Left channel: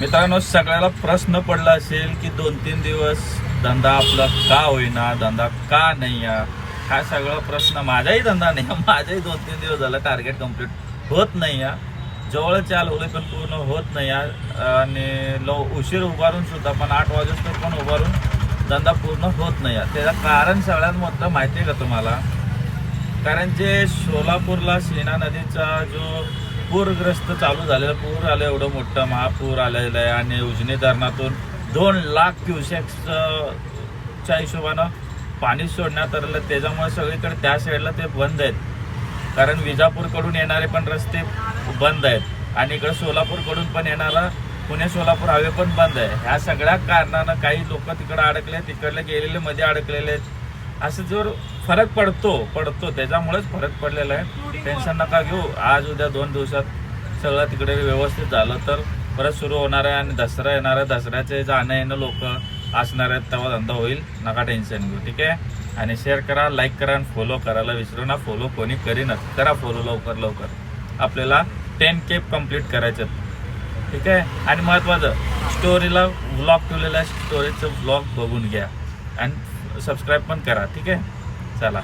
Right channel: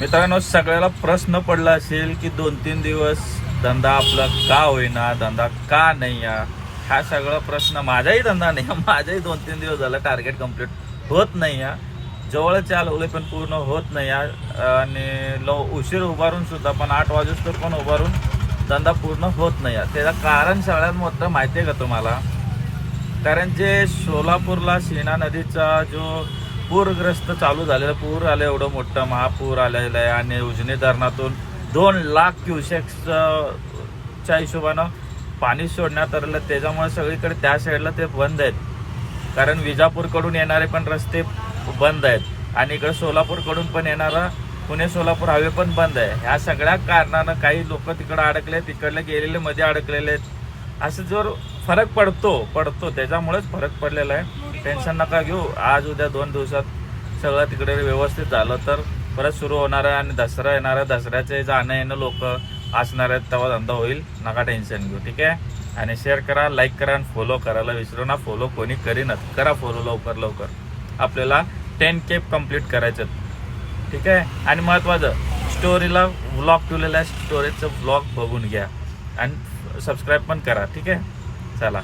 मित्रांनो सगळ्याला प्रश्न पडला असेल की दोन तीन दिवस धंदा आपला का होईना धंदा का नाही या हा सगळा प्रश्न माझाही धंदा नाही माझाही दोन तीन दिवस झाला टार्गेट कंप्लीट होत नाही या जवळच आलवले पण पूर्ण होत नाही या आणि लो उशीर उभारून सुद्धा पण आठ वाजेस्तोवर पण उभारून धंदा पूर्ण होत नाही या त्याचं कारण सगळ्यात मोठं माहिती आहे का तुम्हाला? कारण जे सोलापूरला सीना नदीचा जो पूरग्रस्त चालू झालेला पूर आलं एवढं मोठं महापूर आलेलं आहे आणि उजनी धरणातून दोन लाख क्युसेक्सच्या हिशोबानं पाणी सोडण्यात आलेलं त्याच्यामुळे सगळीकडे त्या साईडला ते बंद आहेत. कारण विजापूरकडून येणारे पण रस्ते बंद आहेत. आणि इकडे सोलापूरकडून पण येणारा पुणे सोलापूर हायवे पण बंद आहे. ह्या सगळ्या कारणानं काही लोक तिकडे अडकले तिकडले गेलेले मध्ये अडकलेले आहेत. असं जर फरक पडतो पडतो त्याच्यामुळेच फरक पडलेला आहे. टेन्शन नका घेऊ. आज उद्या दोन दिवसात सगळं तिकडे व्यवस्थित झालं तर परत सुरू होणार आहे आणि दसरा येणार आहे. दसऱ्याचे जाणं येणं लोक असणार आहेत तेव्हा धंदा होईल. नका टेन्शन घेऊ ठीक आहे? आणि शेअर करा लाईक करा आणि फॉलो करायला विसरू ना फॉलो कोणी करीनच करा फॉलो लवकर लवकर. आपल्याला टेन के कंप्लीट करायचे ठीक आहे? आणि महत्वाचं स्टोरीला ब्लॉग ठेवलेला आहे. स्टोरीचं ब्लॉग बघून घ्या. आणि सबस्क्राईब पण करा ठीक आहे? चला.